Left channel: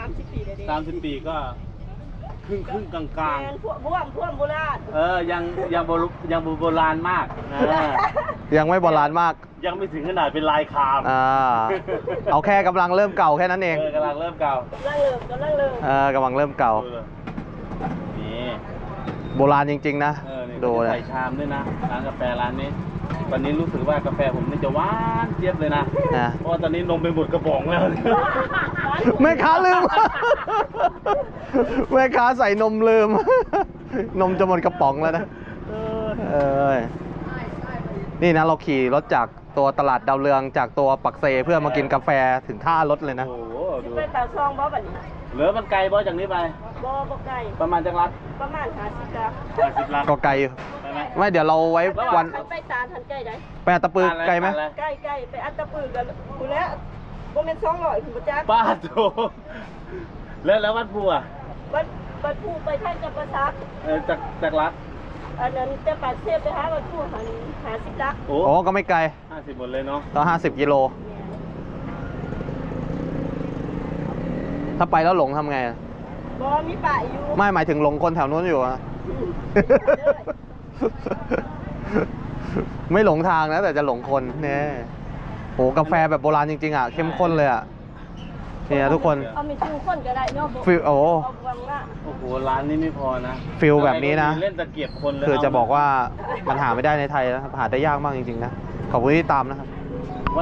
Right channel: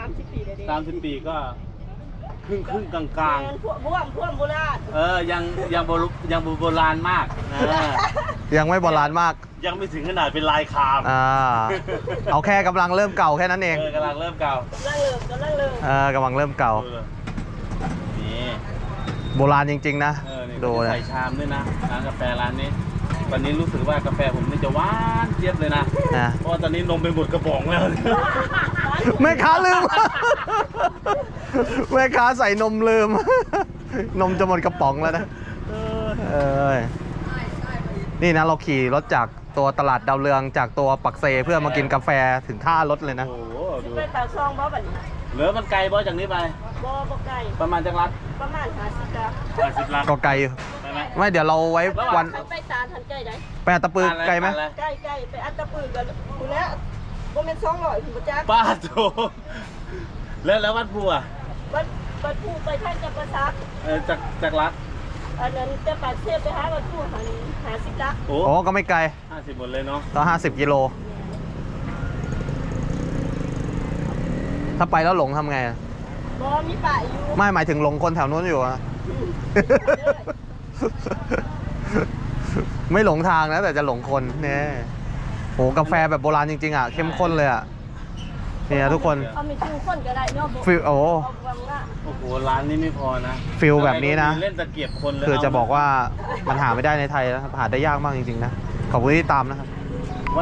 30 ปีเลยดิ 30 ปีก็ครึ่งกลางแมนพวกโบราณยังโบราณมากนะยังไม่โบราณมากยังไม่ถึงขนาดเป็นลายคามเอาแค่กำลังเริ่มเก่าแค่นั้นเองกำลังเริ่มเก่ากำลังเริ่มกำลังเริ่มเก่านี่โบราณจริงๆนะนี่ดูเลยใส่ชามด้วยนะร้านกาแฟร้านนี้ตอนนี้รู้สึกว่ากาแฟผมนี่จะหวานเจี๊ยบเลยนะ เพราะว่าตอนนี้นมไปหมดกระป๋องแล้วแม่ค้าลืม แม่ค้าใส่นมลืม นมจะหมดกระป๋องแล้วนะนี่นะเราขี่รถจากตัวตลาดดาวเรืองจากตัวปักเซเพื่อมากินกาแฟถึงท่ารถเลยนะโอ้โหดูเป็นปากซองบ่บัดนี้เหลือมันไกลบ่จากนี้ไปบ่ไกลประมาณจักรัดประมาณ50ครับ 50 ลัดก็ไกลอยู่ไปไหมไม่เดี๋ยวเราไว้วันไปตาทันใกล้ได้ไปอัตตปือไกลไหมใกล้ไปอัตตปือกันคุณแล้วบ่แม่น200คุณบ่จักป้าโถแล้ววัดภูอ่ะบัดผู้ไปท่านจะประซักจากรัดอันนั้นแต่ปากเทพไปหาบัดผู้50ลักโอ้โอ้ก็ไม่ไกล 50 หมดเลยเนาะต่อ50 กิโล ถ้าไปแล้วหลงทำไงบ่มีป่าอยู่ไม่หมายถึงหลงคนแถวนู้นอยู่อะ ไม่หลงทางนะแต่จะหลงคนเนี่ยโหกาแฟแบบโบราณจริงๆอ่ะเข้มข้นเลยอ่ะเนี่ยทุกคนเอาไม่ถึงคนก็ได้เนาะฟิลโอ้โอ้โหร้านนี้ไม่พอนะฟิลแบบนี้นะเล่นตะเกียบคนเลยคือจะบอกว่ามันหาไม่ได้ในไทยนะครับหาได้ยากมากจริงๆนะขอบคุณที่ตามนะครับ